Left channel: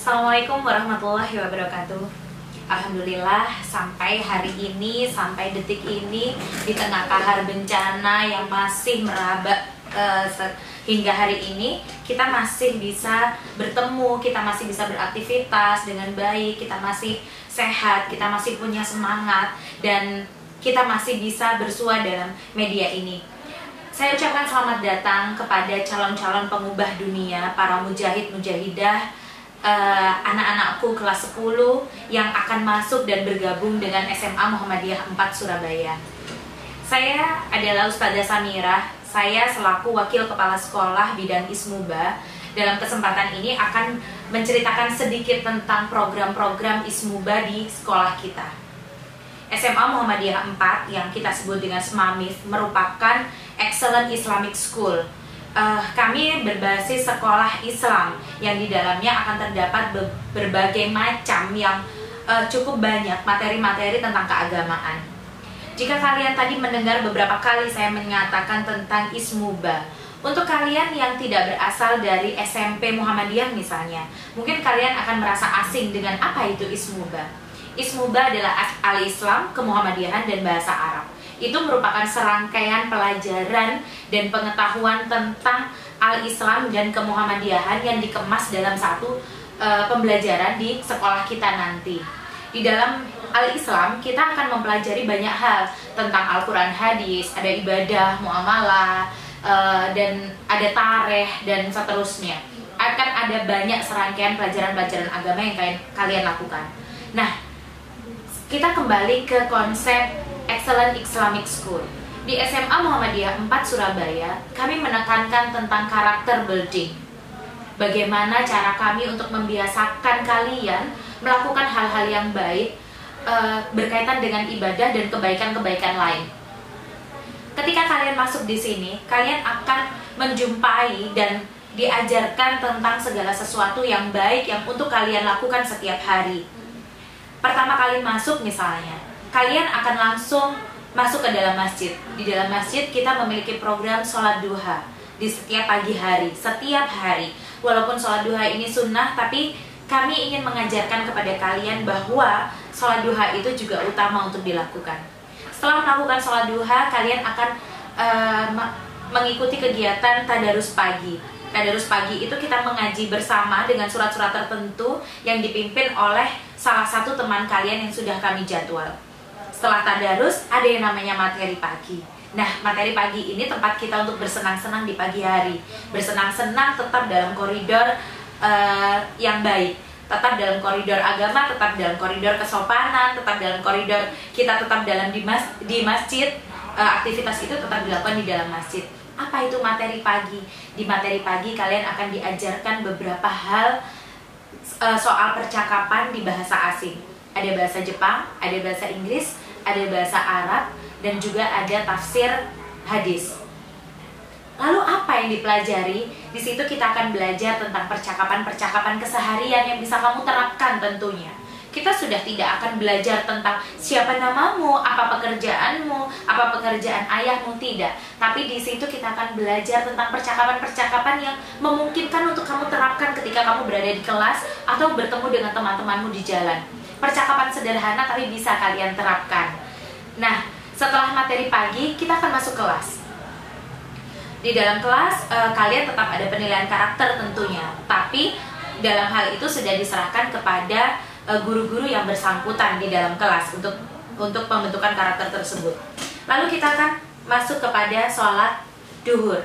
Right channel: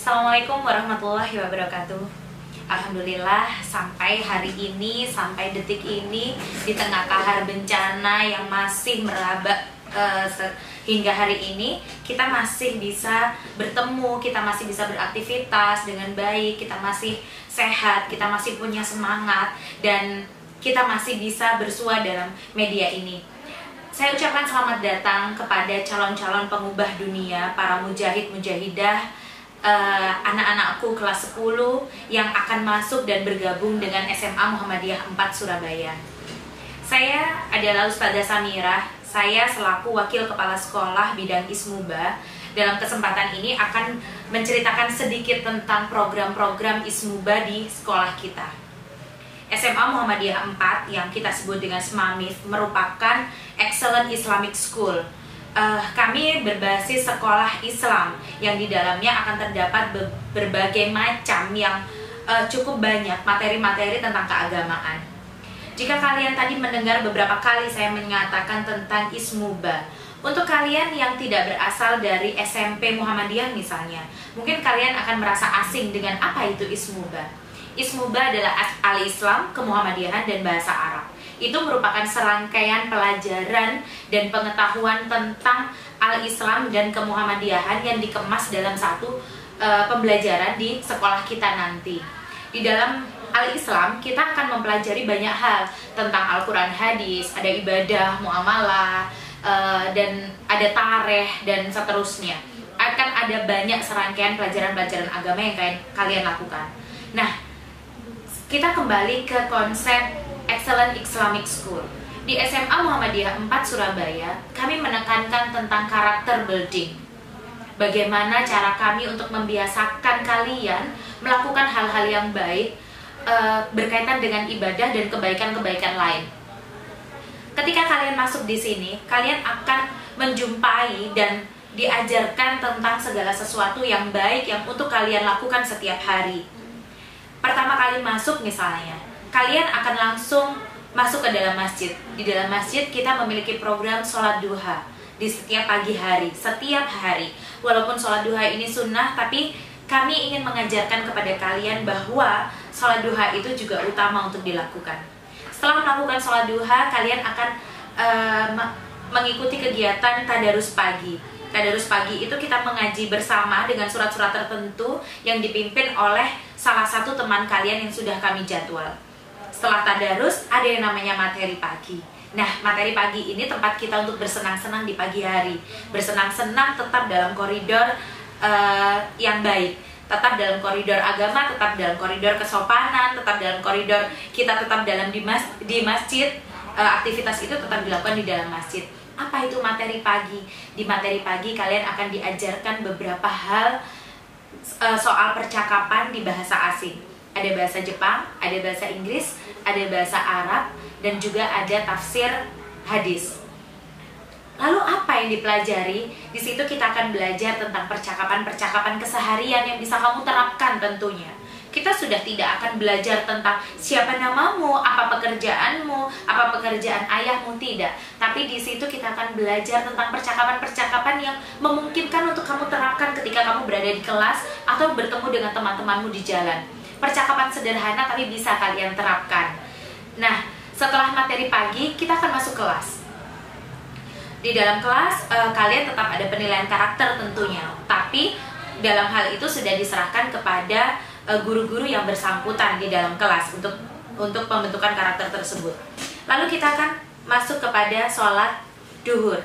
Assalamualaikum warahmatullahi wabarakatuh. Alhamdulillah sampai hari ini, sampai detik ini, di tengah kahar bencana yang masih meraba hingga hari ini, kita masih bisa bertemu, kita masih bisa beraktivitas dengan baik, kita masih sehat, kita masih punya semangat, dan kita masih bisa bersua dalam media ini. Saya ucapkan selamat datang kepada calon-calon pengubah dunia, para mujahid-mujahidah, anak-anakku kelas 10 yang akan masuk dan bergabung dengan SMA Muhammadiyah 4 Surabaya. Saya adalah Ustazah Samirah. Saya selaku Wakil Kepala Sekolah Bidang Ismuba. Dalam kesempatan ini akan menceritakan sedikit tentang program-program Ismuba di sekolah kita. SMA Muhammadiyah 4 yang kita sebut dengan SMAMIF merupakan Excellent Islamic School. Kami berbasis sekolah Islam yang di dalamnya akan terdapat berbagai macam yang cukup banyak materi-materi tentang keagamaan. Jika kalian tadi mendengar beberapa kali saya mengatakan tentang Ismuba, untuk kalian yang tidak berasal dari SMP Muhammadiyah misalnya, mungkin kalian akan merasa asing dengan apa itu Ismuba. Ismuba adalah Al-Islam, Kemuhammadiyahan, dan Bahasa Arab. Itu merupakan serangkaian pelajaran dan pengetahuan tentang Al-Islam dan Kemuhammadiyahan yang dikemas dalam satu pembelajaran di sekolah kita nanti. Di dalam Al-Islam kita akan mempelajari banyak hal tentang Al-Quran, hadis, ada ibadah, muamalah, dan ada tarikh, dan seterusnya. Akan ada banyak serangkaian pelajaran-pelajaran agama yang kalian lakukan. Nah, kita kembali ke konsep Excellent Islamic School. Di SMA Muhammadiyah 4 Surabaya, kami menekankan tentang karakter building. Bagaimana cara kami untuk membiasakan kalian melakukan hal-hal yang baik berkaitan dengan ibadah dan kebaikan-kebaikan lain. Ketika kalian masuk di sini, kalian akan menjumpai dan diajarkan tentang segala sesuatu yang baik yang untuk kalian lakukan setiap hari. Pertama kali masuk misalnya, kalian akan langsung masuk ke dalam masjid. Di dalam masjid kita memiliki program sholat duha di setiap pagi hari, setiap hari. Walaupun sholat duha ini sunnah, tapi kami ingin mengajarkan kepada kalian bahwa sholat duha itu juga utama untuk dilakukan. Setelah melakukan sholat duha, kalian akan mengikuti kegiatan tadarus pagi. Tadarus pagi itu kita mengaji bersama dengan surat-surat tertentu yang dipimpin oleh salah satu teman kalian yang sudah kami jadwal. Setelah tadarus ada yang namanya materi pagi. Nah, materi pagi ini tempat kita untuk bersenang-senang di pagi hari. Bersenang-senang tetap dalam koridor yang baik, tetap dalam koridor agama, tetap dalam koridor kesopanan, tetap dalam koridor kita tetap dalam di masjid. Aktivitas itu tetap dilakukan di dalam masjid. Apa itu materi pagi? Di materi pagi kalian akan diajarkan beberapa hal soal percakapan di bahasa asing. Ada bahasa Jepang, ada bahasa Inggris, ada bahasa Arab, dan juga ada tafsir hadis. Lalu apa yang dipelajari? Di situ kita akan belajar tentang percakapan-percakapan keseharian yang bisa kamu terapkan tentunya. Kita sudah tidak akan belajar tentang siapa namamu, apa pekerjaanmu, apa pekerjaan ayahmu, tidak. Tapi di situ kita akan belajar tentang percakapan-percakapan yang memungkinkan untuk kamu terapkan ketika kamu berada di kelas atau bertemu dengan teman-temanmu di jalan. Percakapan sederhana tapi bisa kalian terapkan. Nah, setelah materi pagi, kita akan masuk kelas. Di dalam kelas, kalian tetap ada penilaian karakter tentunya. Tapi dalam hal itu sudah diserahkan kepada guru-guru yang bersangkutan di dalam kelas untuk pembentukan karakter tersebut. Lalu kita akan masuk kepada sholat duhur.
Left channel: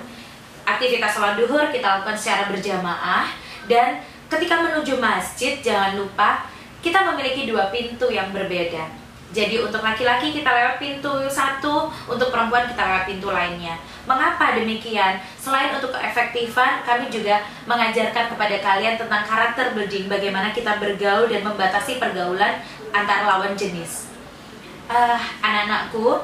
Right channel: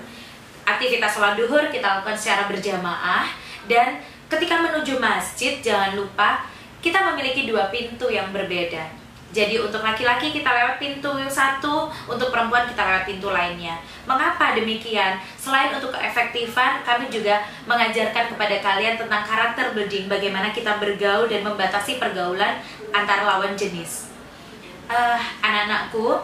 Aktivitas sholat duhur kita lakukan secara berjamaah, dan ketika menuju masjid jangan lupa kita memiliki dua pintu yang berbeda. Jadi untuk laki-laki kita lewat pintu satu, untuk perempuan kita lewat pintu lainnya. Mengapa demikian? Selain untuk keefektifan, kami juga mengajarkan kepada kalian tentang karakter building, bagaimana kita bergaul dan membatasi pergaulan antar lawan jenis. Anak-anakku,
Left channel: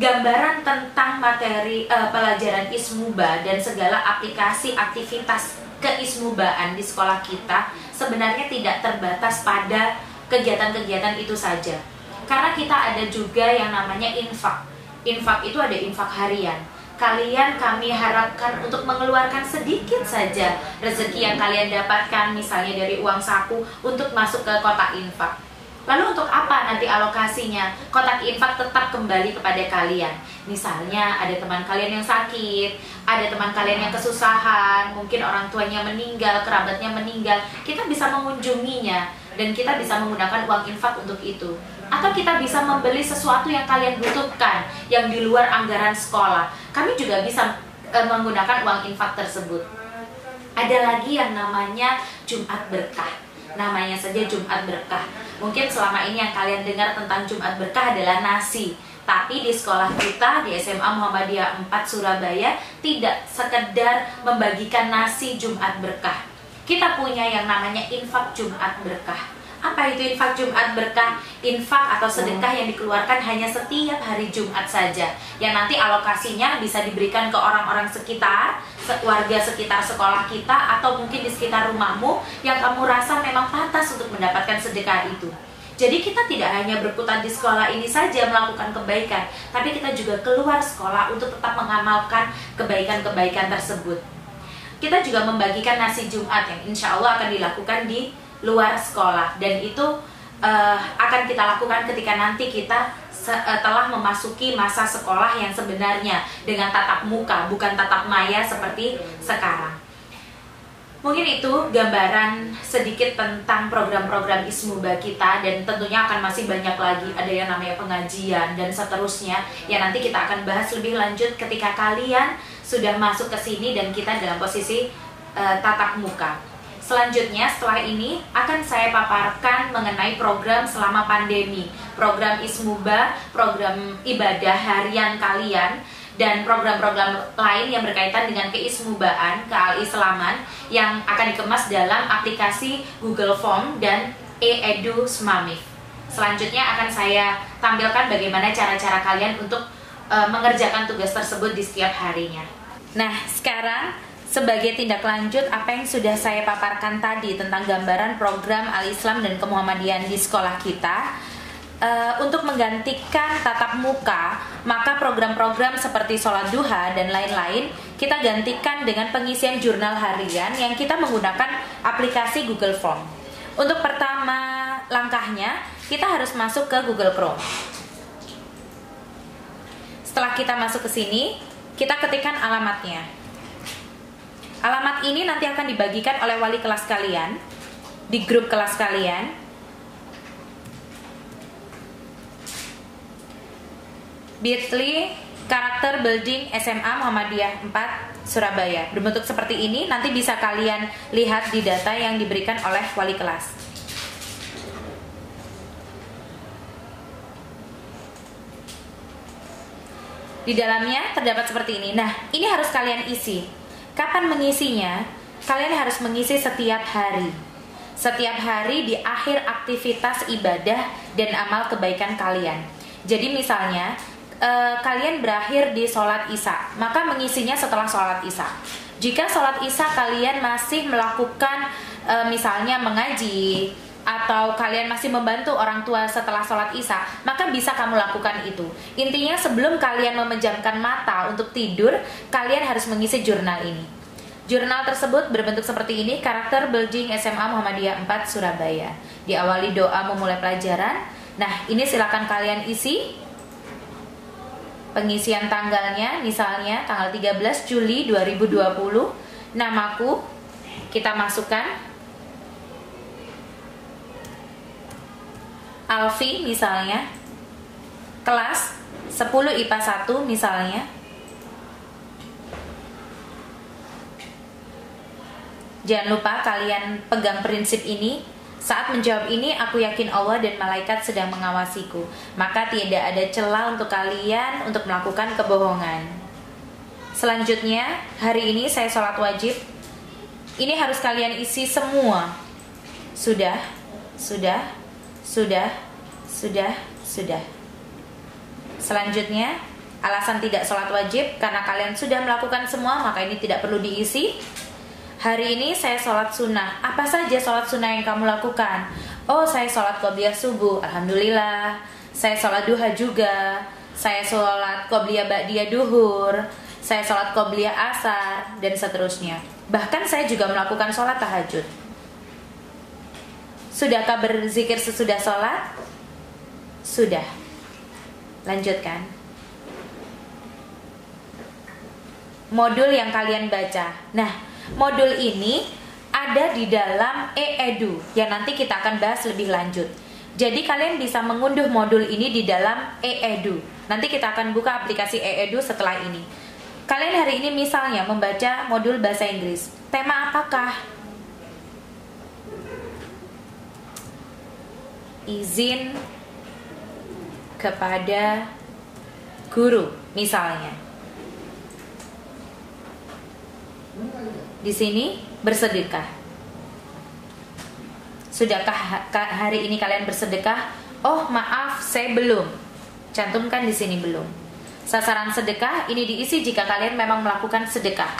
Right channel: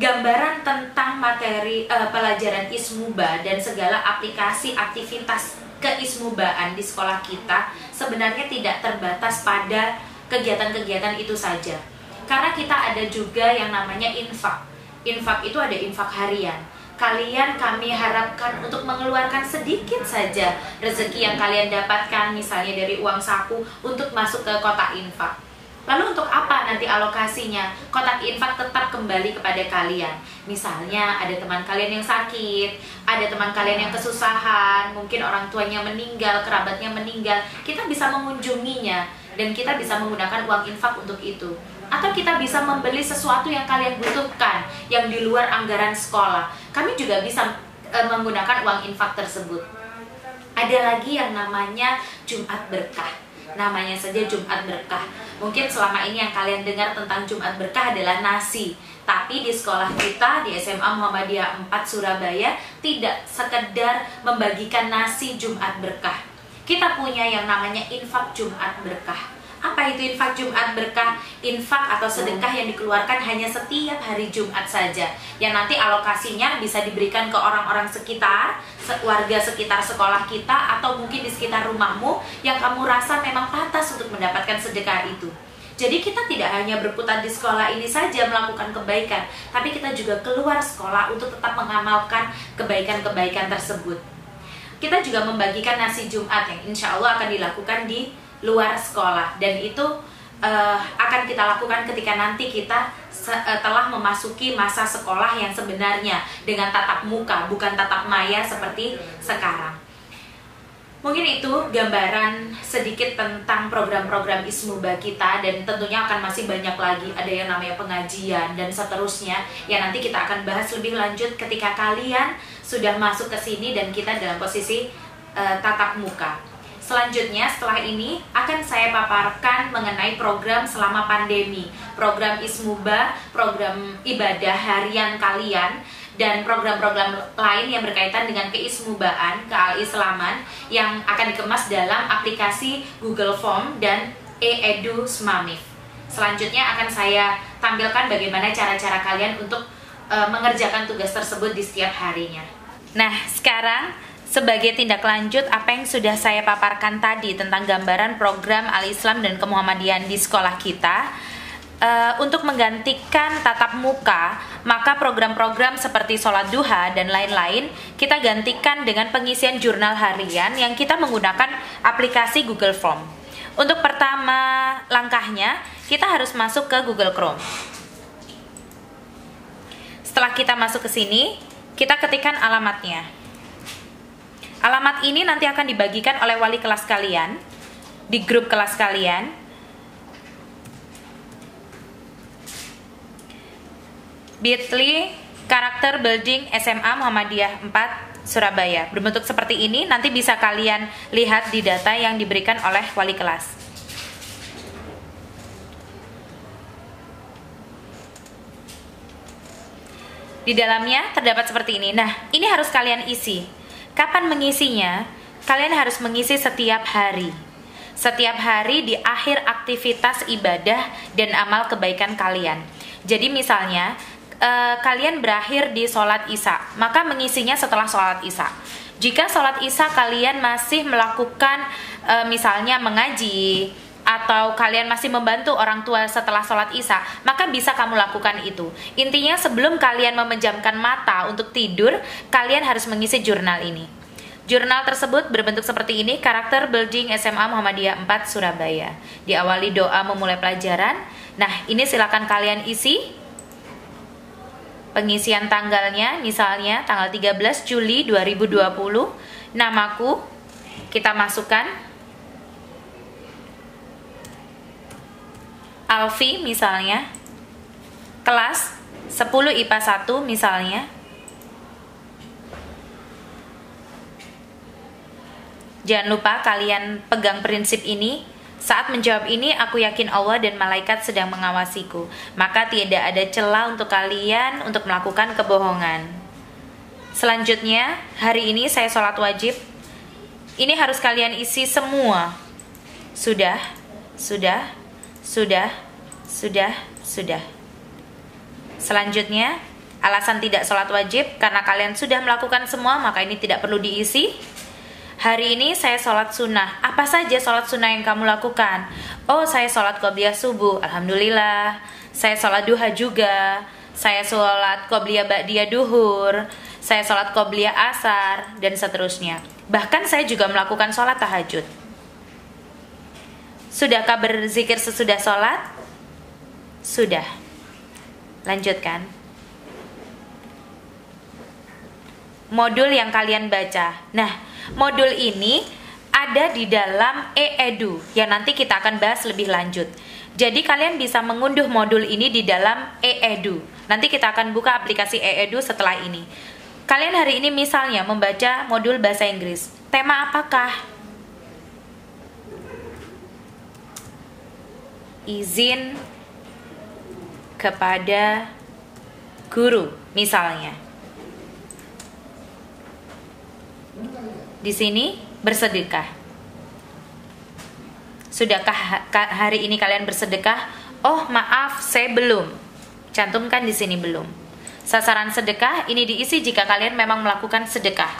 gambaran tentang materi pelajaran Ismuba dan segala aplikasi aktivitas keismubaan di sekolah kita sebenarnya tidak terbatas pada kegiatan-kegiatan itu saja. Karena kita ada juga yang namanya infak. Infak itu ada infak harian. kalian kami harapkan untuk mengeluarkan sedikit saja rezeki yang kalian dapatkan, misalnya dari uang saku, untuk masuk ke kotak infak. Lalu untuk apa nanti alokasinya? Kotak infak tetap kembali kepada kalian. Misalnya ada teman kalian yang sakit, ada teman kalian yang kesusahan, mungkin orang tuanya meninggal, kerabatnya meninggal, kita bisa mengunjunginya dan kita bisa menggunakan uang infak untuk itu. Atau kita bisa membeli sesuatu yang kalian butuhkan yang di luar anggaran sekolah. Kami juga bisa menggunakan uang infak tersebut. Ada lagi yang namanya Jumat Berkah. Namanya saja Jumat Berkah. Mungkin selama ini yang kalian dengar tentang Jumat Berkah adalah nasi. Tapi di sekolah kita, di SMA Muhammadiyah 4 Surabaya, tidak sekedar membagikan nasi Jumat Berkah. Kita punya yang namanya infak Jumat Berkah. Apa itu infak Jumat Berkah? Infak atau sedekah yang dikeluarkan hanya setiap hari Jumat saja, yang nanti alokasinya bisa diberikan ke orang-orang sekitar, warga sekitar sekolah kita, atau mungkin di sekitar rumahmu yang kamu rasa memang pantas untuk mendapatkan sedekah itu. Jadi kita tidak hanya berputar di sekolah ini saja melakukan kebaikan, tapi kita juga keluar sekolah untuk tetap mengamalkan kebaikan-kebaikan tersebut. Kita juga membagikan nasi Jumat yang insya Allah akan dilakukan di luar sekolah, dan itu akan kita lakukan ketika nanti kita telah memasuki masa sekolah yang sebenarnya dengan tatap muka, bukan tatap maya seperti sekarang. Mungkin itu gambaran sedikit tentang program-program Ismuba kita, dan tentunya akan masih banyak lagi, ada yang namanya pengajian dan seterusnya yang nanti kita akan bahas lebih lanjut ketika kalian sudah masuk ke sini dan kita dalam posisi tatap muka. Selanjutnya setelah ini akan saya paparkan mengenai program selama pandemi, program Ismuba, program ibadah harian kalian, dan program-program lain yang berkaitan dengan keismubaan, keal-islaman yang akan dikemas dalam aplikasi Google Form dan e-edu Smamif. Selanjutnya akan saya tampilkan bagaimana cara-cara kalian untuk mengerjakan tugas tersebut di setiap harinya. Nah, sekarang sebagai tindak lanjut apa yang sudah saya paparkan tadi tentang gambaran program Al-Islam dan Kemuhammadian di sekolah kita, untuk menggantikan tatap muka, maka program-program seperti sholat duha dan lain-lain kita gantikan dengan pengisian jurnal harian yang kita menggunakan aplikasi Google Form. Untuk pertama langkahnya, kita harus masuk ke Google Chrome. Setelah kita masuk ke sini, kita ketikkan alamatnya. Alamat ini nanti akan dibagikan oleh wali kelas kalian di grup kelas kalian. bit.ly karakter building SMA Muhammadiyah 4 Surabaya. Berbentuk seperti ini, nanti bisa kalian lihat di data yang diberikan oleh wali kelas. Di dalamnya terdapat seperti ini. Nah, ini harus kalian isi. Kapan mengisinya? Kalian harus mengisi setiap hari. Setiap hari di akhir aktivitas ibadah dan amal kebaikan kalian. Jadi misalnya kalian berakhir di sholat isya, maka mengisinya setelah sholat isya. Jika sholat isya kalian masih melakukan misalnya mengaji, atau kalian masih membantu orang tua setelah sholat isya, maka bisa kamu lakukan itu. Intinya sebelum kalian memejamkan mata untuk tidur, kalian harus mengisi jurnal ini. Jurnal tersebut berbentuk seperti ini, karakter building SMA Muhammadiyah 4 Surabaya. Diawali doa memulai pelajaran. Nah, ini silakan kalian isi. Pengisian tanggalnya, misalnya tanggal 13 Juli 2020. Namaku kita masukkan Alfi misalnya, kelas 10 IPA 1 misalnya. Jangan lupa kalian pegang prinsip ini. Saat menjawab ini, aku yakin Allah dan malaikat sedang mengawasiku. Maka tidak ada celah untuk kalian untuk melakukan kebohongan. Selanjutnya, hari ini saya sholat wajib. Ini harus kalian isi semua. Sudah. Selanjutnya, alasan tidak sholat wajib karena kalian sudah melakukan semua, maka ini tidak perlu diisi. Hari ini saya sholat sunnah. Apa saja sholat sunnah yang kamu lakukan? Oh, saya sholat qobliyah subuh. Alhamdulillah. Saya sholat duha juga. Saya sholat qobliyah ba'diyah duhur. saya sholat qobliyah asar, dan seterusnya. Bahkan saya juga melakukan sholat tahajud. Sudahkah berzikir sesudah sholat? Sudah. Lanjutkan. Modul yang kalian baca. Nah, modul ini ada di dalam e-edu yang nanti kita akan bahas lebih lanjut. Jadi kalian bisa mengunduh modul ini di dalam e-edu. Nanti kita akan buka aplikasi e-edu setelah ini. Kalian hari ini misalnya membaca modul bahasa Inggris. Tema apakah? Izin kepada guru misalnya. Di sini bersedekah. Sudahkah hari ini kalian bersedekah? Oh, maaf, saya belum. Cantumkan di sini belum. Sasaran sedekah ini diisi jika kalian memang melakukan sedekah.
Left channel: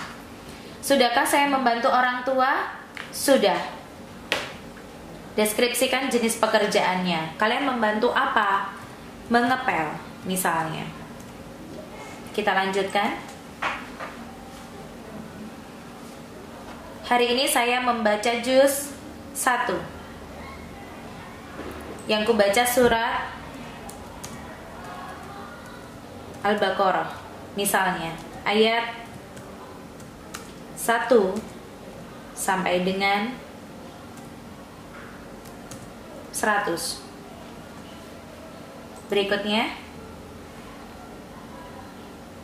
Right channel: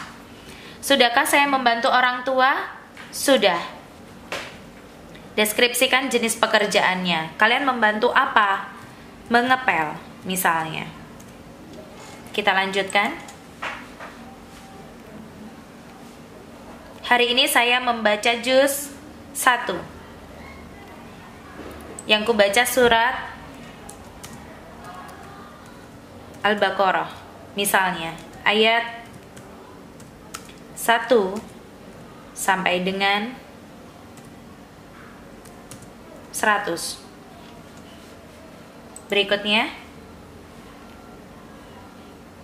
Sudahkah saya membantu orang tua? Sudah. Deskripsikan jenis pekerjaannya. Kalian membantu apa? Mengepel, misalnya. Kita lanjutkan. Hari ini saya membaca juz 1. Yang kubaca surat Al-Baqarah, misalnya ayat 1 sampai dengan 100. Berikutnya,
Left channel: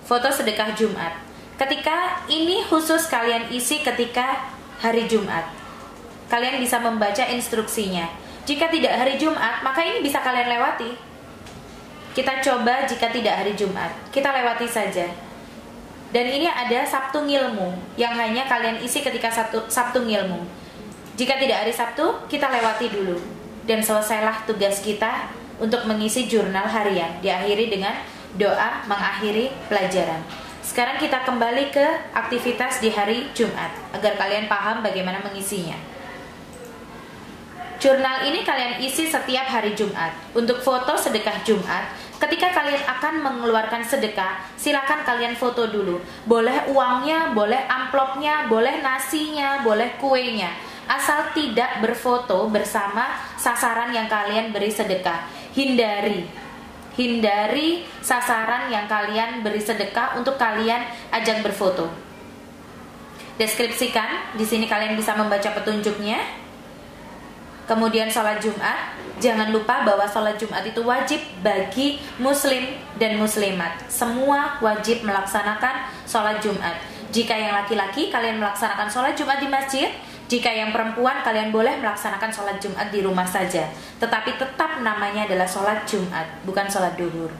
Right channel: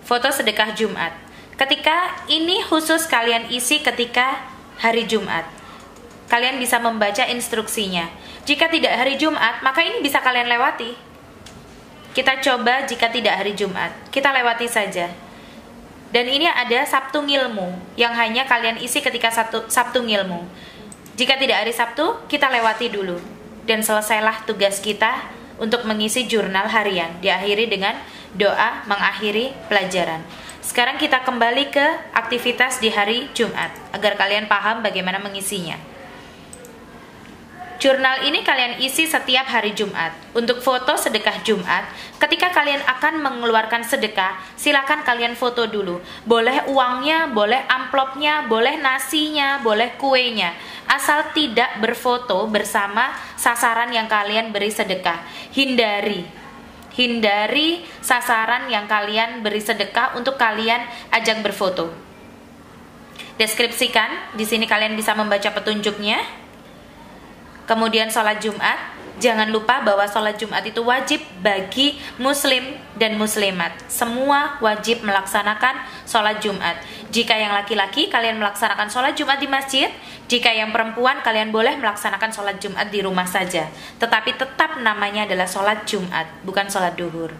foto sedekah Jumat. Ketika ini khusus kalian isi ketika hari Jumat. Kalian bisa membaca instruksinya. Jika tidak hari Jumat, maka ini bisa kalian lewati. Kita coba jika tidak hari Jumat, kita lewati saja. Dan ini ada Sabtu Ngilmu yang hanya kalian isi ketika Sabtu Ngilmu. Jika tidak hari Sabtu, kita lewati dulu. Dan selesailah tugas kita untuk mengisi jurnal harian. Diakhiri dengan doa mengakhiri pelajaran. Sekarang kita kembali ke aktivitas di hari Jumat agar kalian paham bagaimana mengisinya. Jurnal ini kalian isi setiap hari Jumat. Untuk foto sedekah Jumat, ketika kalian akan mengeluarkan sedekah, silakan kalian foto dulu. Boleh uangnya, boleh amplopnya, boleh nasinya, boleh kuenya. Asal tidak berfoto bersama sasaran yang kalian beri sedekah. Hindari sasaran yang kalian beri sedekah untuk kalian ajak berfoto. Deskripsikan, di sini kalian bisa membaca petunjuknya. Kemudian sholat Jumat, jangan lupa bahwa sholat Jumat itu wajib bagi muslim dan muslimat. Semua wajib melaksanakan sholat Jumat. Jika yang laki-laki, kalian melaksanakan sholat Jumat di masjid. Jika yang perempuan, kalian boleh melaksanakan sholat Jumat di rumah saja. Tetapi tetap namanya adalah sholat Jumat, bukan sholat duhur.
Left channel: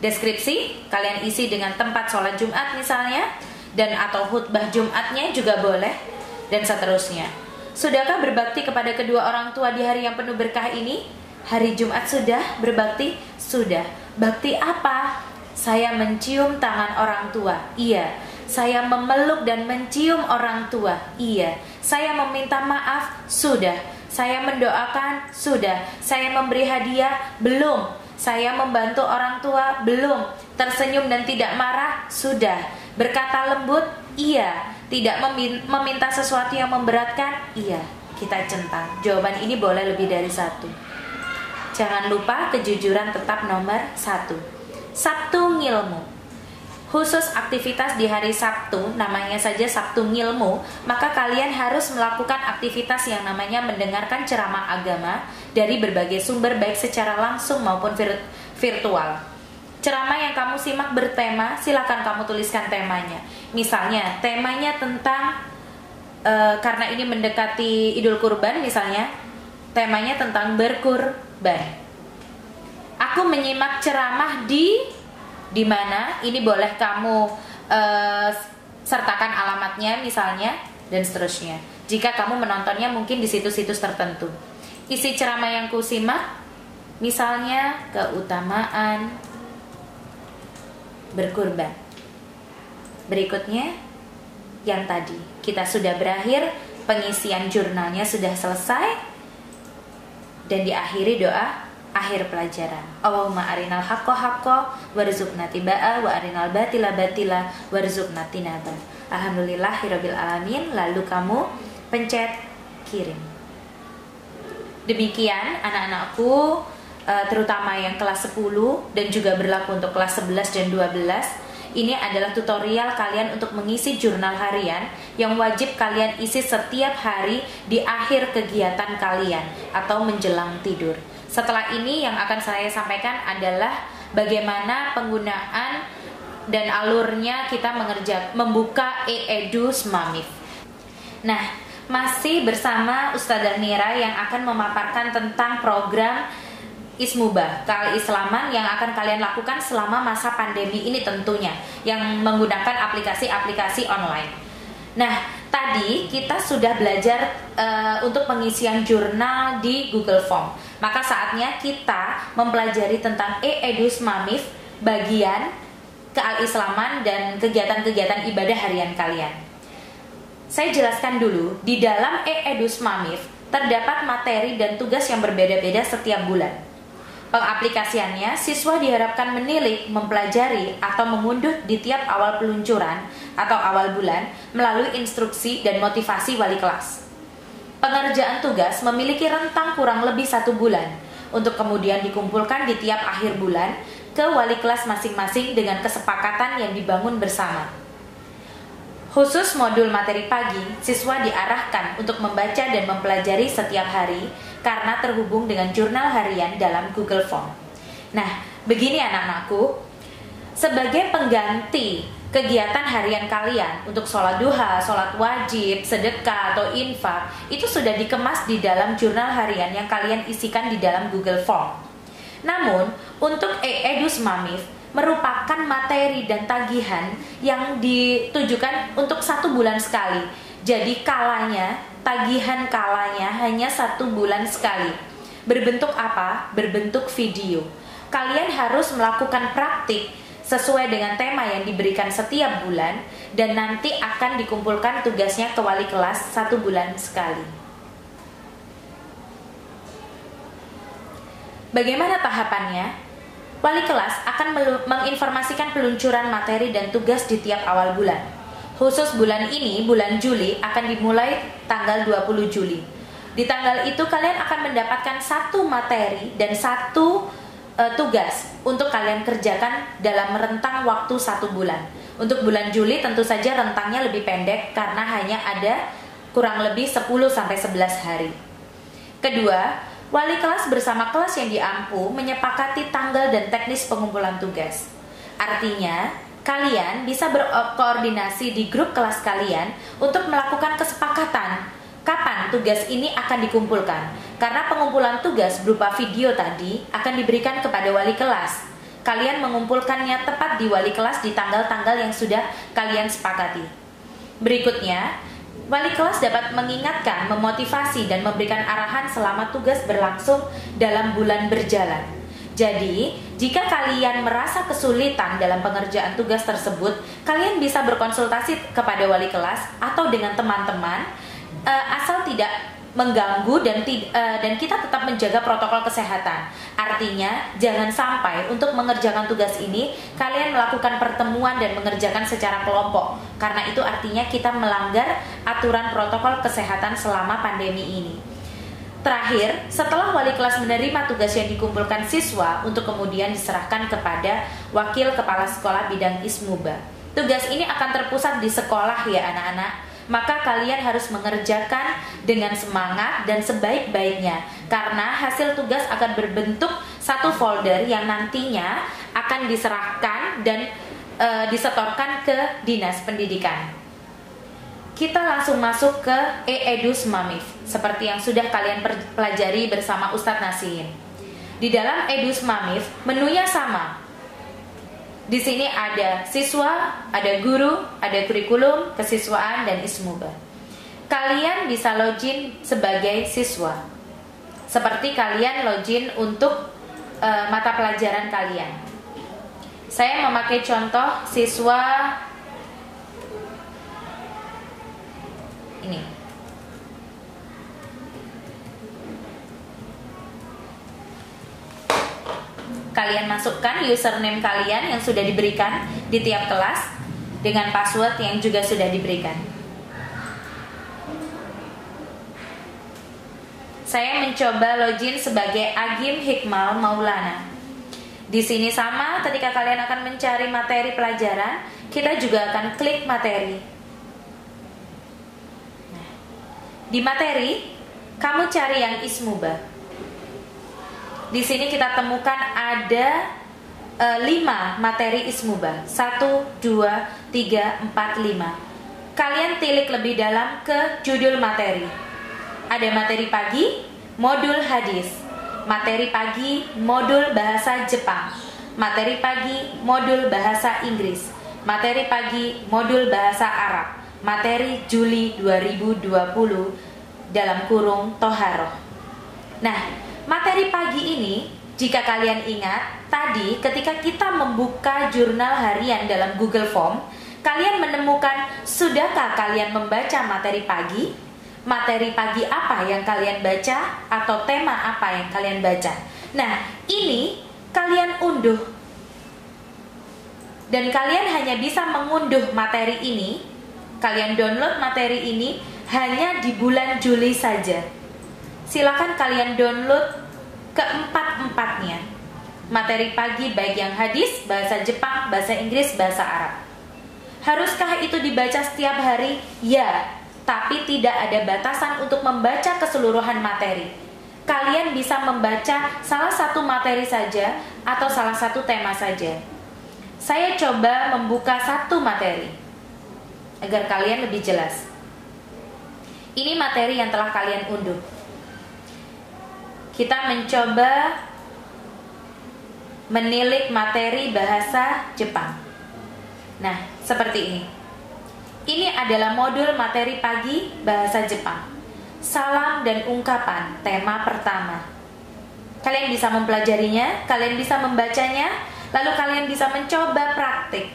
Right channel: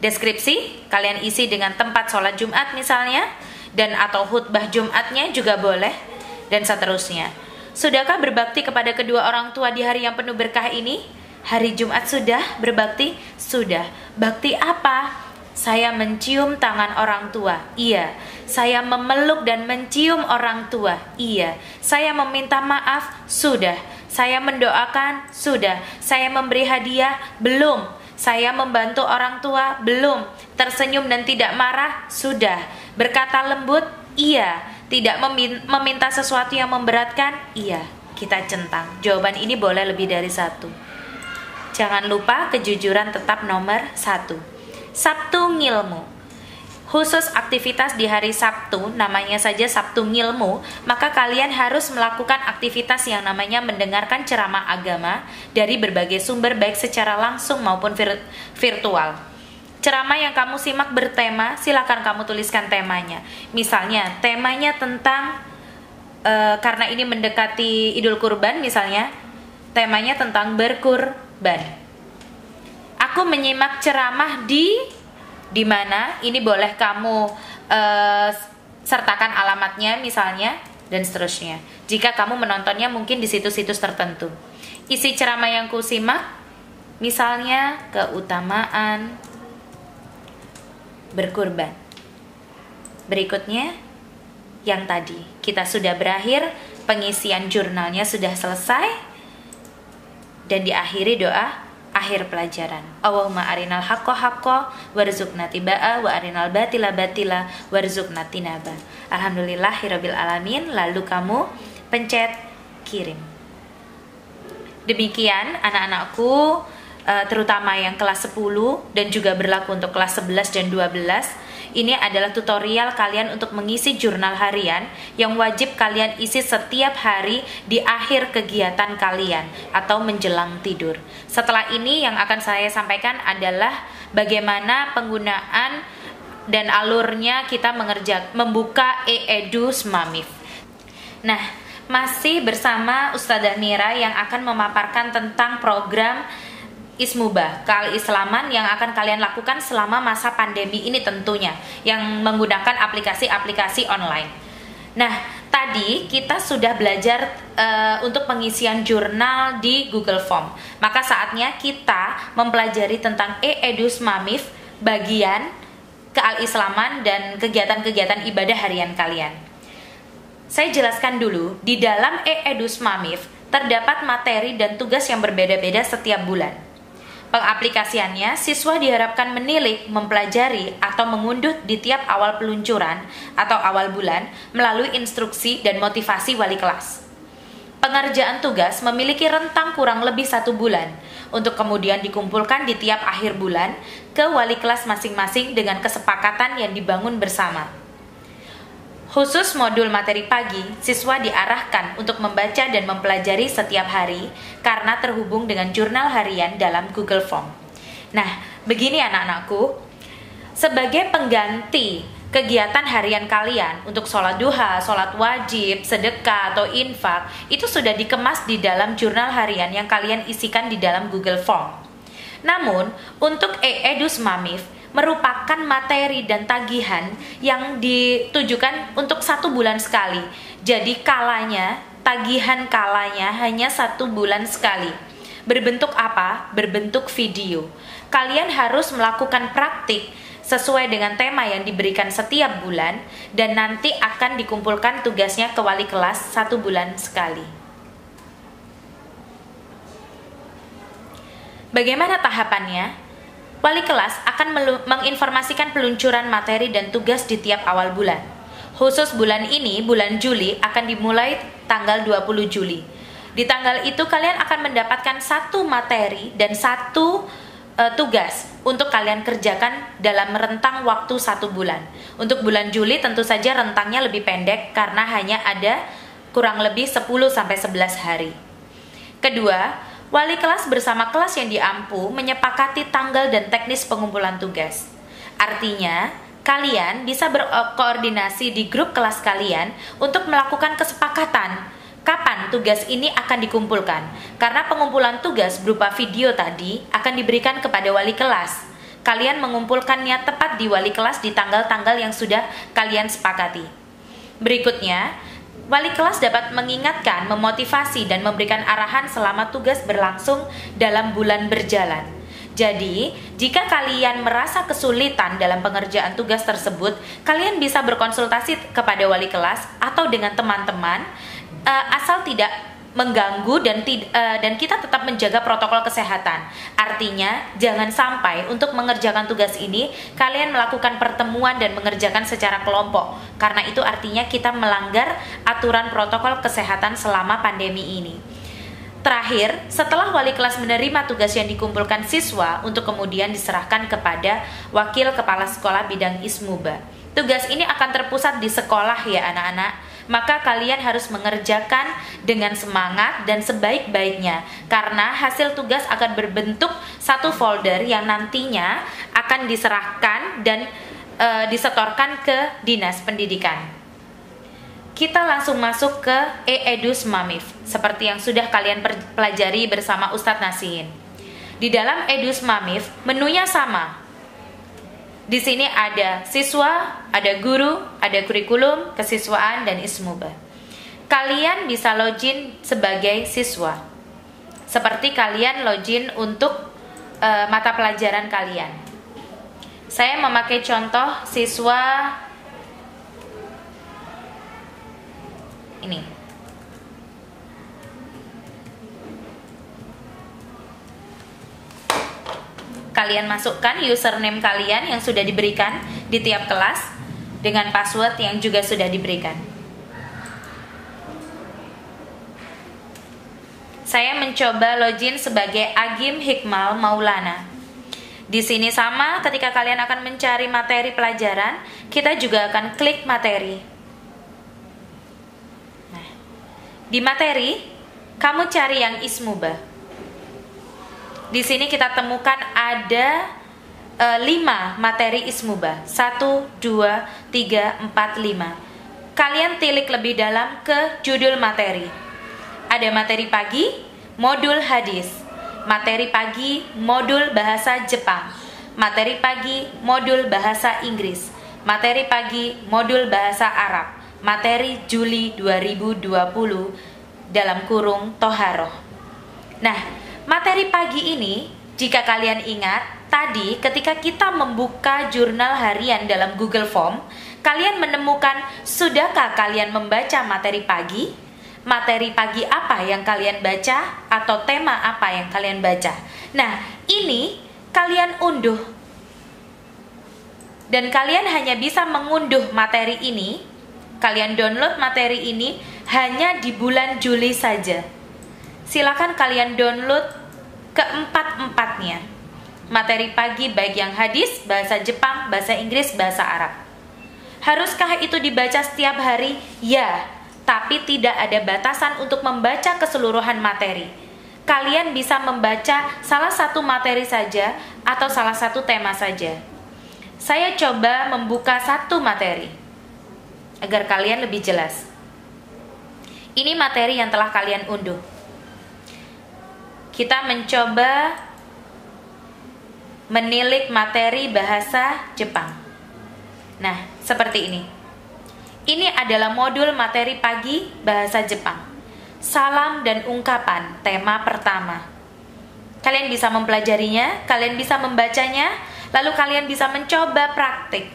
Deskripsi, kalian isi dengan tempat sholat Jumat misalnya, dan atau khutbah Jumatnya juga boleh, dan seterusnya. Sudahkah berbakti kepada kedua orang tua di hari yang penuh berkah ini? Hari Jumat sudah berbakti? Sudah. Bakti apa? Saya mencium tangan orang tua. Iya. Saya memeluk dan mencium orang tua. Iya. Saya meminta maaf. Sudah. Saya mendoakan. Sudah. Saya memberi hadiah. Belum. Saya membantu orang tua. Belum. Tersenyum dan tidak marah. Sudah. Berkata lembut. Iya. Tidak meminta sesuatu yang memberatkan? Iya, kita centang. Jawaban ini boleh lebih dari 1. Jangan lupa kejujuran tetap nomor 1. Sabtu Ngilmu. Khusus aktivitas di hari Sabtu, namanya saja Sabtu Ngilmu, maka kalian harus melakukan aktivitas yang namanya mendengarkan ceramah agama dari berbagai sumber baik secara langsung maupun virtual. Ceramah yang kamu simak bertema, silakan kamu tuliskan temanya. Misalnya, temanya tentang, karena ini mendekati Idul Kurban misalnya, temanya tentang berkurban. Aku menyimak ceramah di mana, ini boleh kamu sertakan alamatnya misalnya, dan seterusnya. Jika kamu menontonnya mungkin di situs-situs tertentu. Isi ceramah yang kusimak, misalnya keutamaan berkurban. Berikutnya, yang tadi kita sudah berakhir, pengisian jurnalnya sudah selesai, dan diakhiri doa akhir pelajaran. Allahumma arinal haqqo haqqo warzuqna tibaa wa arinal batila batila warzuqna tinaba. Alhamdulillahirabbil alamin. Lalu kamu pencet kirim. Demikian anak-anakku, terutama yang kelas 10 dan juga berlaku untuk kelas 11 dan 12. Ini adalah tutorial kalian untuk mengisi jurnal harian yang wajib kalian isi setiap hari di akhir kegiatan kalian atau menjelang tidur. Setelah ini yang akan saya sampaikan adalah bagaimana penggunaan dan alurnya kita membuka e-edu Smamif. Nah, masih bersama Ustazah Mira yang akan memaparkan tentang program Ismubah, keislaman yang akan kalian lakukan selama masa pandemi ini tentunya, yang menggunakan aplikasi-aplikasi online. Nah, tadi kita sudah belajar untuk pengisian jurnal di Google Form. Maka saatnya kita mempelajari tentang e-edu Smamif bagian keislaman dan kegiatan-kegiatan ibadah harian kalian. Saya jelaskan dulu, di dalam e-edu Smamif terdapat materi dan tugas yang berbeda-beda setiap bulan. Pengaplikasiannya, siswa diharapkan menilik, mempelajari, atau mengunduh di tiap awal peluncuran atau awal bulan melalui instruksi dan motivasi wali kelas. Pengerjaan tugas memiliki rentang kurang lebih 1 bulan untuk kemudian dikumpulkan di tiap akhir bulan ke wali kelas masing-masing dengan kesepakatan yang dibangun bersama. Khusus modul materi pagi, siswa diarahkan untuk membaca dan mempelajari setiap hari karena terhubung dengan jurnal harian dalam Google Form. Nah, begini anak-anakku, sebagai pengganti kegiatan harian kalian untuk sholat duha, sholat wajib, sedekah, atau infak, itu sudah dikemas di dalam jurnal harian yang kalian isikan di dalam Google Form. Namun, untuk e-edu Smamif, merupakan materi dan tagihan yang ditujukan untuk 1 bulan sekali. Jadi tagihan kalanya hanya 1 bulan sekali. Berbentuk apa? Berbentuk video. Kalian harus melakukan praktik sesuai dengan tema yang diberikan setiap bulan dan nanti akan dikumpulkan tugasnya ke wali kelas 1 bulan sekali. Bagaimana tahapannya? Wali kelas akan menginformasikan peluncuran materi dan tugas di tiap awal bulan. Khusus bulan ini, bulan Juli, akan dimulai tanggal 20 Juli. Di tanggal itu kalian akan mendapatkan 1 materi dan 1 tugas untuk kalian kerjakan dalam rentang waktu 1 bulan. Untuk bulan Juli tentu saja rentangnya lebih pendek karena hanya ada kurang lebih 10-11 hari. Kedua, wali kelas bersama kelas yang diampu menyepakati tanggal dan teknis pengumpulan tugas. Artinya, kalian bisa berkoordinasi di grup kelas kalian untuk melakukan kesepakatan kapan tugas ini akan dikumpulkan. Karena pengumpulan tugas berupa video tadi akan diberikan kepada wali kelas. Kalian mengumpulkannya tepat di wali kelas di tanggal-tanggal yang sudah kalian sepakati. Berikutnya, wali kelas dapat mengingatkan, memotivasi, dan memberikan arahan selama tugas berlangsung dalam bulan berjalan. Jadi, jika kalian merasa kesulitan dalam pengerjaan tugas tersebut, kalian bisa berkonsultasi kepada wali kelas atau dengan teman-teman, asal tidak mengganggu dan kita tetap menjaga protokol kesehatan. Artinya, jangan sampai untuk mengerjakan tugas ini kalian melakukan pertemuan dan mengerjakan secara kelompok, karena itu artinya kita melanggar aturan protokol kesehatan selama pandemi ini. Terakhir, setelah wali kelas menerima tugas yang dikumpulkan siswa untuk kemudian diserahkan kepada wakil kepala sekolah bidang Ismubah. Tugas ini akan terpusat di sekolah ya anak-anak. Maka kalian harus mengerjakan dengan semangat dan sebaik-baiknya, karena hasil tugas akan berbentuk 1 folder yang nantinya akan diserahkan dan disetorkan ke Dinas Pendidikan. Kita langsung masuk ke e-edu Smamif seperti yang sudah kalian pelajari bersama Ustadz Nasin. Di dalam edu Smamif menunya sama. Di sini ada siswa, ada guru, ada kurikulum, kesiswaan, dan Ismubah. Kalian bisa login sebagai siswa, seperti kalian login untuk mata pelajaran kalian. Saya memakai contoh siswa ini. kalian masukkan username kalian yang sudah diberikan di tiap kelas dengan password yang juga sudah diberikan. Saya mencoba login sebagai Agim Hikmal Maulana. Di sini sama, ketika kalian akan mencari materi pelajaran, kita juga akan klik materi. Nah, di materi, kamu cari yang ismubah. Di sini kita temukan ada 5 materi ismubah. 1, 2, 3, 4, 5. Kalian tilik lebih dalam ke judul materi. Ada materi pagi, modul hadis. Materi pagi, modul bahasa Jepang. Materi pagi, modul bahasa Inggris. Materi pagi, modul bahasa Arab. Materi Juli 2020 dalam kurung Toharoh. Nah, materi pagi ini, jika kalian ingat, tadi ketika kita membuka jurnal harian dalam Google Form, kalian menemukan, sudahkah kalian membaca materi pagi? Materi pagi apa yang kalian baca? Atau tema apa yang kalian baca? Nah, ini kalian unduh. Dan kalian hanya bisa mengunduh materi ini, kalian download materi ini hanya di bulan Juli saja. Silakan kalian download keempat-empatnya. Materi pagi baik yang hadis, bahasa Jepang, bahasa Inggris, bahasa Arab. Haruskah itu dibaca setiap hari? Ya, tapi tidak ada batasan untuk membaca keseluruhan materi. Kalian bisa membaca salah satu materi saja atau salah satu tema saja. Saya coba membuka satu materi agar kalian lebih jelas. Ini materi yang telah kalian unduh. Kita mencoba menilik materi bahasa Jepang. Nah, seperti ini. Ini adalah modul materi pagi bahasa Jepang. Salam dan ungkapan, tema pertama. Kalian bisa mempelajarinya, kalian bisa membacanya, lalu kalian bisa mencoba praktik.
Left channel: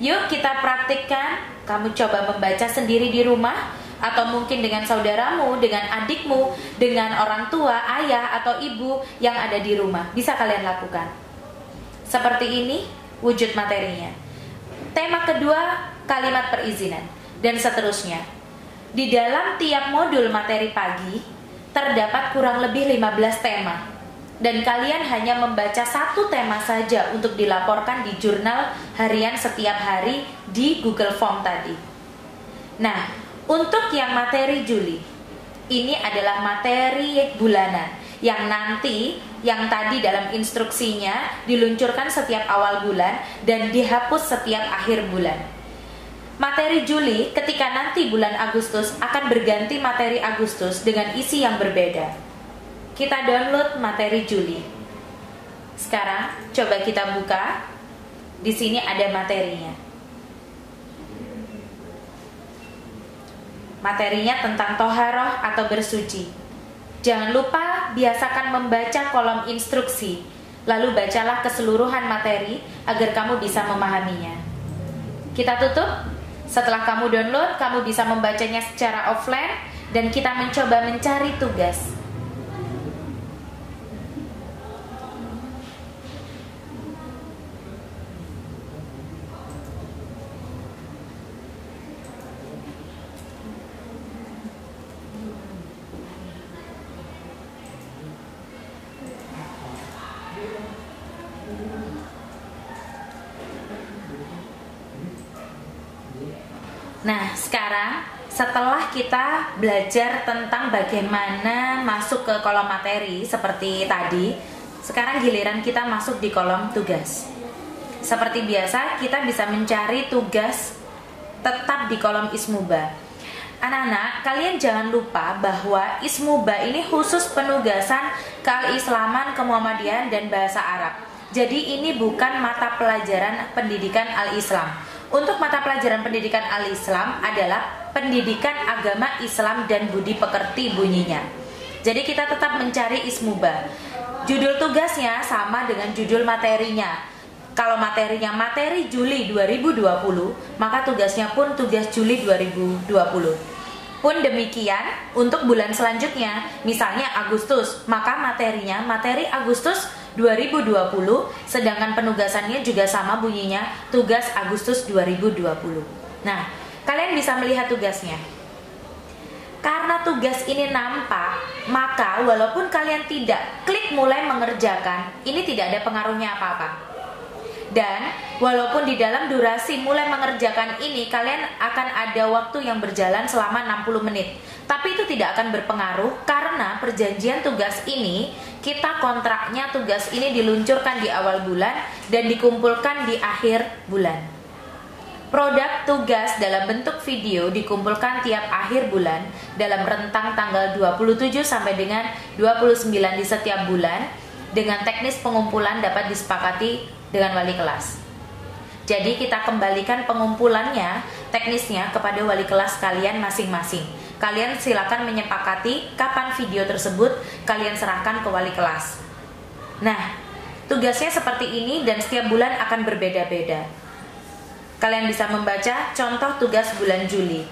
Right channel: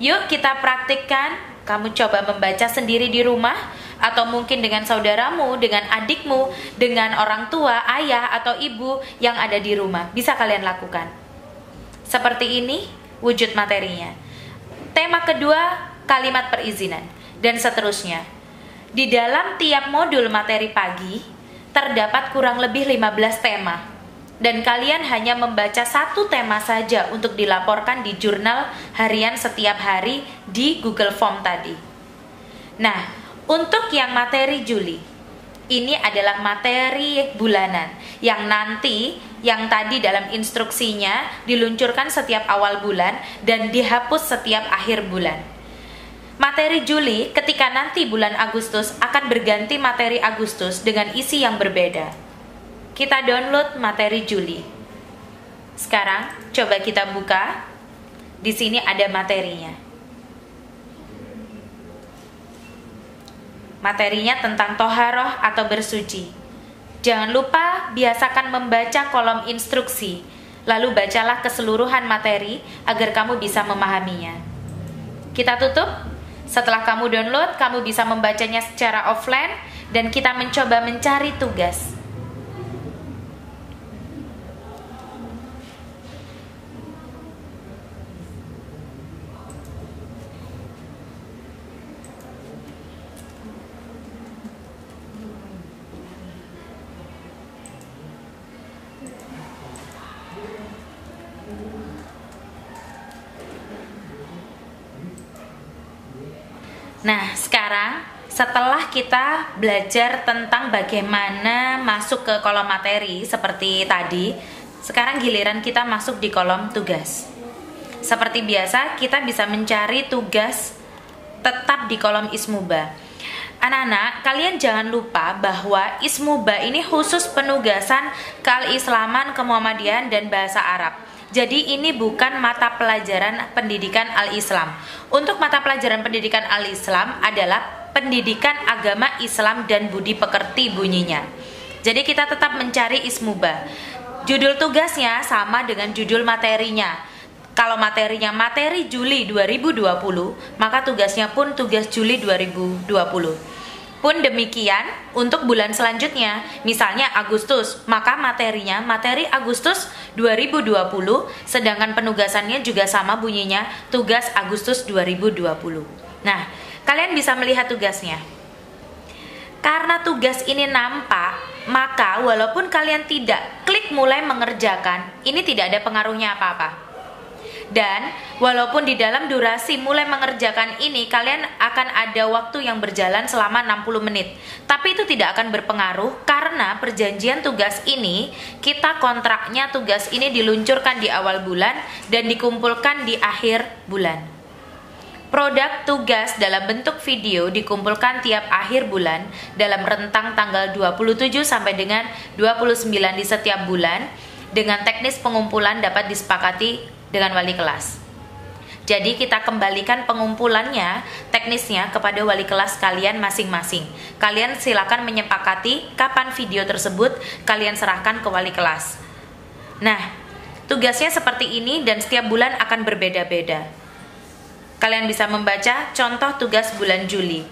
Yuk kita praktikkan. Kamu coba membaca sendiri di rumah, atau mungkin dengan saudaramu, dengan adikmu, dengan orang tua, ayah atau ibu yang ada di rumah. Bisa kalian lakukan. Seperti ini wujud materinya. Tema kedua, kalimat perizinan, dan seterusnya. Di dalam tiap modul materi pagi terdapat kurang lebih 15 tema, dan kalian hanya membaca satu tema saja untuk dilaporkan di jurnal harian setiap hari di Google Form tadi. Nah, untuk yang materi Juli, ini adalah materi bulanan yang nanti, yang tadi dalam instruksinya diluncurkan setiap awal bulan dan dihapus setiap akhir bulan. Materi Juli ketika nanti bulan Agustus akan berganti materi Agustus dengan isi yang berbeda. Kita download materi Juli. Sekarang coba kita buka. Di sini ada materinya. Materinya tentang toharoh atau bersuci. Jangan lupa biasakan membaca kolom instruksi. Lalu bacalah keseluruhan materi agar kamu bisa memahaminya. Kita tutup. Setelah kamu download, kamu bisa membacanya secara offline dan kita mencoba mencari tugas. Nah, sekarang setelah kita belajar tentang bagaimana masuk ke kolom materi seperti tadi, sekarang giliran kita masuk di kolom tugas. Seperti biasa, kita bisa mencari tugas tetap di kolom ismubah. Anak-anak, kalian jangan lupa bahwa ismubah ini khusus penugasan keislaman, kemuhammadian, dan bahasa Arab. Jadi ini bukan mata pelajaran pendidikan al-Islam. Untuk mata pelajaran pendidikan al-Islam adalah pendidikan agama Islam dan budi pekerti bunyinya. Jadi kita tetap mencari ismubah. Judul tugasnya sama dengan judul materinya. Kalau materinya materi Juli 2020, maka tugasnya pun tugas Juli 2020. Pun demikian untuk bulan selanjutnya, misalnya Agustus, maka materinya materi Agustus 2020, sedangkan penugasannya juga sama bunyinya, tugas Agustus 2020. Nah, kalian bisa melihat tugasnya. Karena tugas ini nampak, maka walaupun kalian tidak klik mulai mengerjakan, ini tidak ada pengaruhnya apa-apa. Dan walaupun di dalam durasi mulai mengerjakan ini kalian akan ada waktu yang berjalan selama 60 menit, tapi itu tidak akan berpengaruh karena perjanjian tugas ini, kita kontraknya tugas ini diluncurkan di awal bulan dan dikumpulkan di akhir bulan. Produk tugas dalam bentuk video dikumpulkan tiap akhir bulan dalam rentang tanggal 27 sampai dengan 29 di setiap bulan, dengan teknis pengumpulan dapat disepakati dengan wali kelas. Jadi kita kembalikan pengumpulannya, teknisnya kepada wali kelas kalian masing-masing. Kalian silakan menyepakati kapan video tersebut kalian serahkan ke wali kelas. Nah, tugasnya seperti ini dan setiap bulan akan berbeda-beda. Kalian bisa membaca contoh tugas bulan Juli.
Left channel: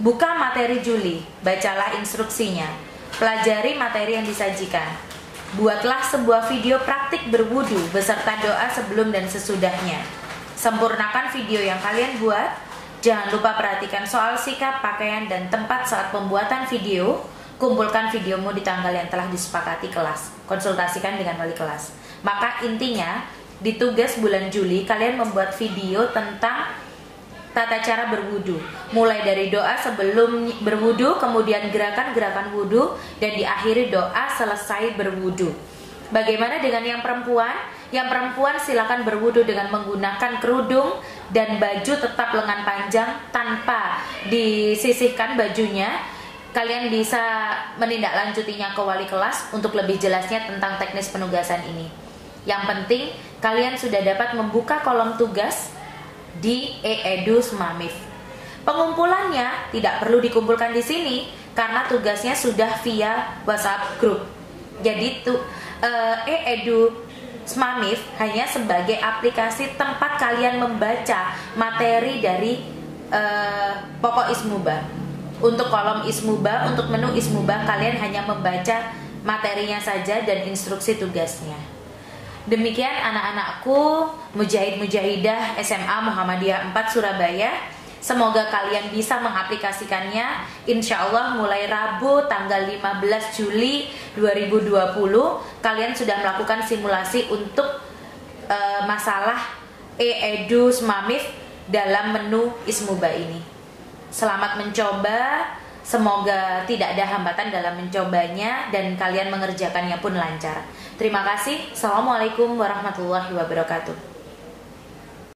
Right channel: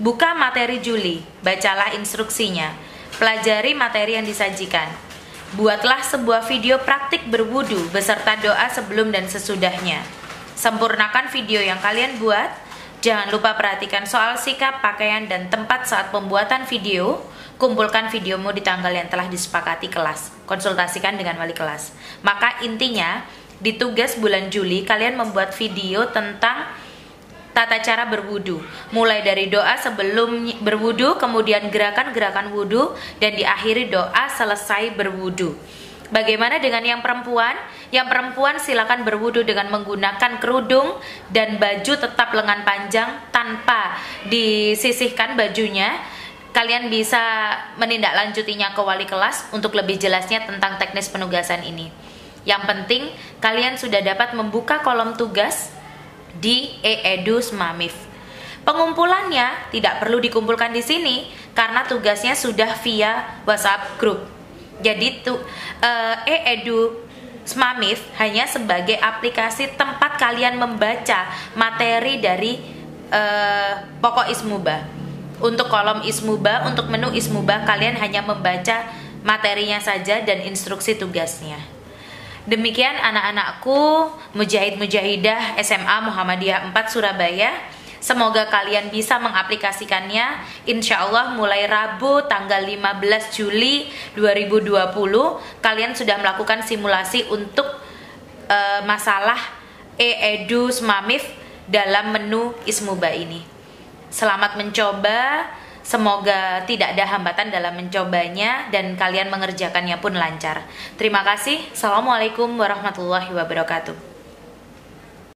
Buka materi Juli, bacalah instruksinya. Pelajari materi yang disajikan. Buatlah sebuah video praktik berwudu beserta doa sebelum dan sesudahnya. Sempurnakan video yang kalian buat. Jangan lupa perhatikan soal sikap, pakaian, dan tempat saat pembuatan video. Kumpulkan videomu di tanggal yang telah disepakati kelas. Konsultasikan dengan wali kelas. Maka intinya, di tugas bulan Juli, kalian membuat video tentang tata cara berwudu, mulai dari doa sebelum berwudu, kemudian gerakan-gerakan wudu, dan diakhiri doa selesai berwudu. Bagaimana dengan yang perempuan? Yang perempuan silakan berwudu dengan menggunakan kerudung dan baju tetap lengan panjang tanpa disisihkan bajunya. Kalian bisa menindaklanjutinya ke wali kelas untuk lebih jelasnya tentang teknis penugasan ini. Yang penting, kalian sudah dapat membuka kolom tugas di e-edu Smamif. Pengumpulannya tidak perlu dikumpulkan di sini karena tugasnya sudah via WhatsApp group. Jadi e-edu Smamif hanya sebagai aplikasi tempat kalian membaca materi dari pokok Ismuba. Untuk kolom Ismuba, untuk menu Ismuba, kalian hanya membaca materinya saja dan instruksi tugasnya. Demikian anak-anakku, mujahid-mujahidah SMA Muhammadiyah 4 Surabaya. Semoga kalian bisa mengaplikasikannya. Insya Allah mulai Rabu tanggal 15 Juli 2020 kalian sudah melakukan simulasi untuk masalah e-edu Smamif dalam menu Ismuba ini. Selamat mencoba. Semoga tidak ada hambatan dalam mencobanya dan kalian mengerjakannya pun lancar. Terima kasih. Assalamualaikum warahmatullahi wabarakatuh.